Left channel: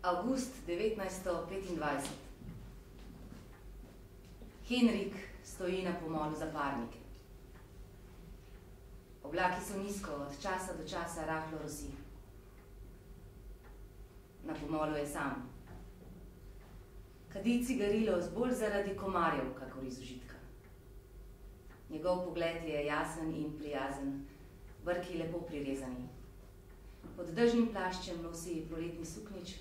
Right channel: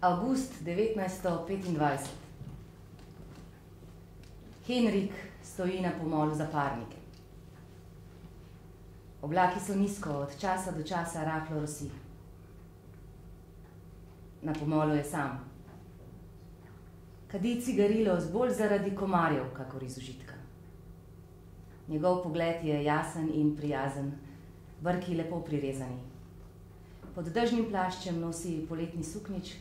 Avgust 1925. Henrik stoji na pomolu za parnike. Oblaki so nizko, od časa do časa rahlo rosi. Na pomolu je sam. Kadi cigarilo bolj zaradi komarjev, kakor iz užitka. Njegov pogled je jasen in prijazen, brki lepo prirezani. Pod dežnim plaščem nosi poletni suknič,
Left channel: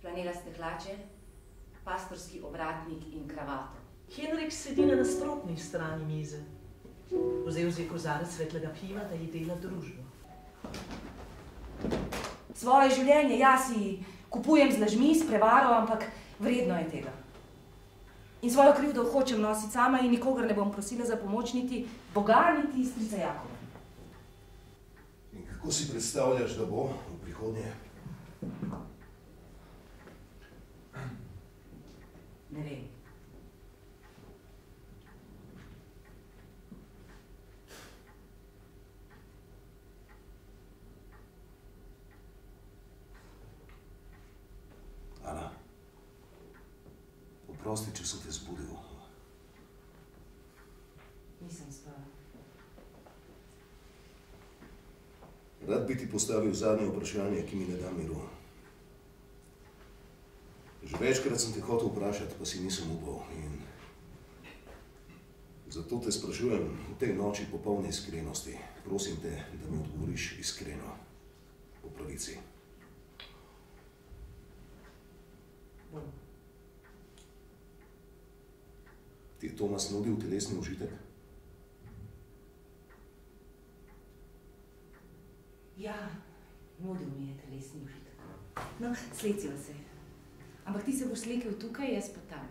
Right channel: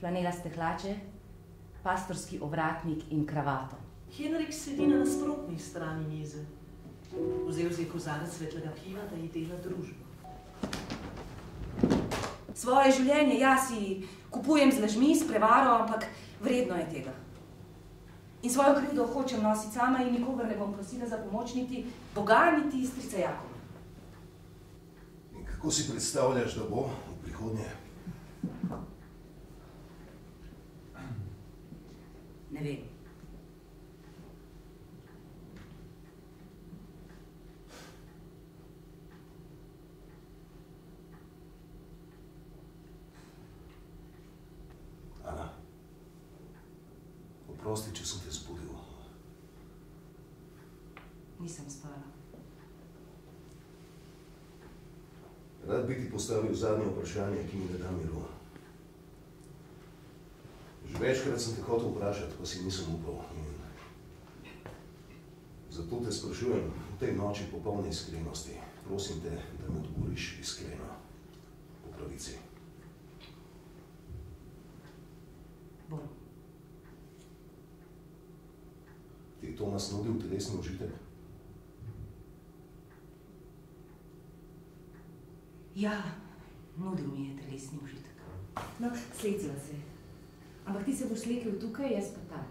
flanelaste hlače, pastorski ovratnik in kravato. Henrik sedi na nasprotni strani mize. Vzel je kozarec svetlega piva, da ji dela družbo. Svoje življenje jaz si kupujem z lažmi, s prevaro, ampak vredno je tega. In svojo krivdo hočem nositi sama in nikogar ne bom prosila za pomoč, niti Boga, niti strica Jakova. In kako si predstavljaš, da bo v prihodnje? Ne vem. Ana, oprosti, če so te zbudil. Nisem spala. Rad bi ti postavil zadnje vprašanje, ki mi ne da miru. Že večkrat sem te hotel vprašati, pa si nisem upal. In zato te sprašujem v tej noči popolne iskrenosti. Prosim te, da mi odgovoriš iskreno, po pravici. Bom. Ti je Tomas nudil telesni užitek? Ja, nudil mi je telesni užitek. No, slecila se. Ampak ti se boš slekel tukaj, jaz pa tam.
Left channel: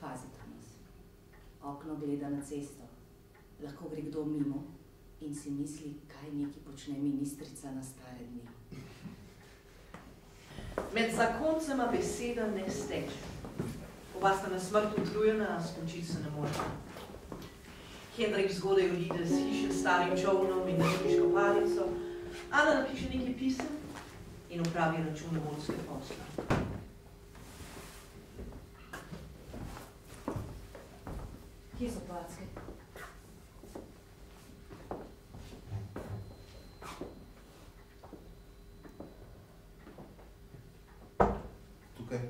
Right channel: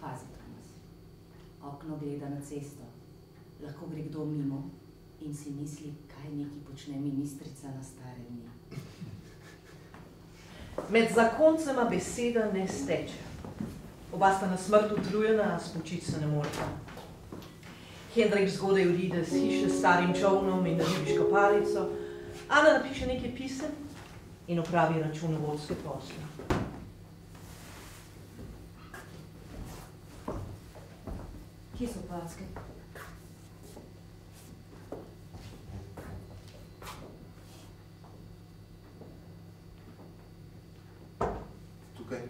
Pazi, Tomas. Okno gleda na cesto. Lahko gre kdo mimo in si misli, kaj neki počne ministrica na stare dni. Med zakoncema beseda ne steče. Oba sta na smrt utrujena, a spočit se ne moreta. Henrik zgodaj odide z hiše s starim čovnom in ribiško palico, Ana napiše nekaj pisem in opravi računovodske posle. Kje so packe? Tukaj.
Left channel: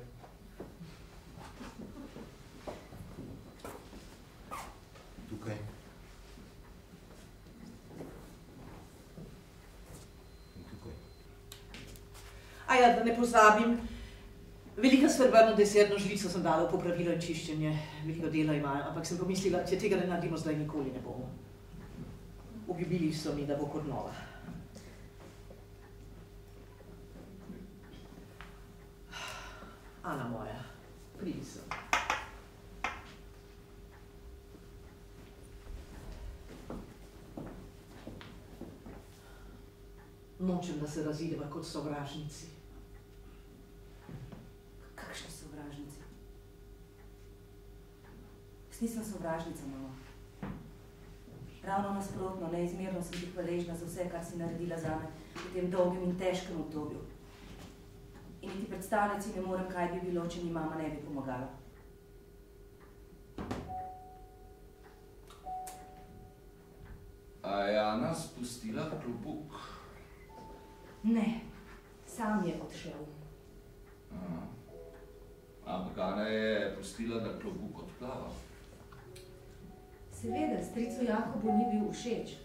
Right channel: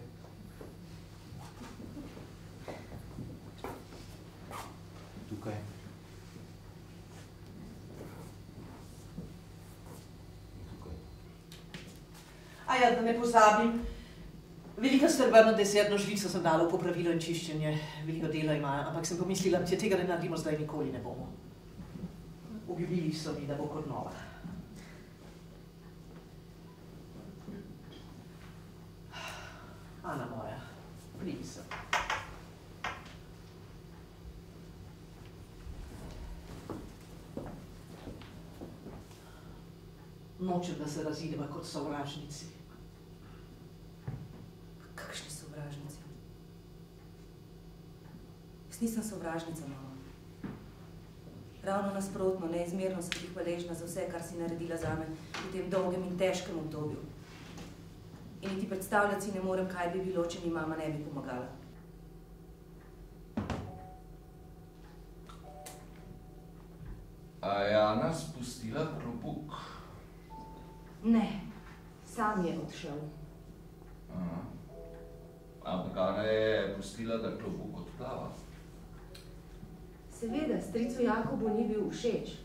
Tukaj. A ja, da ne pozabim, velika srebrna desertno žlico sem dala v popravilo in čiščenje, veliko dela imajo, ampak sem pomislila, če tega ne naredimo, zdaj nikoli ne bomo. Obljubili so mi, da bo kot nova. Ana moja, pridi sem. Nočem, da se razideva kot sovražnici. Kakšne sovražnice? Jaz nisem sovražnica, mama. Ravno nasprotno, neizmerno sem ti hvaležna za vse, kar si naredila zame v tem dolgem in težkem obdobju. In niti predstavljati si ne morem, kaj bi bilo, če mi mama ne bi pomagala. A je Ana spustila klobuk? Ne, sam je odšel. Aha. Ampak Ana je pustila, da klobuk odplava. Seveda, stricu Jakobu ni bil všeč.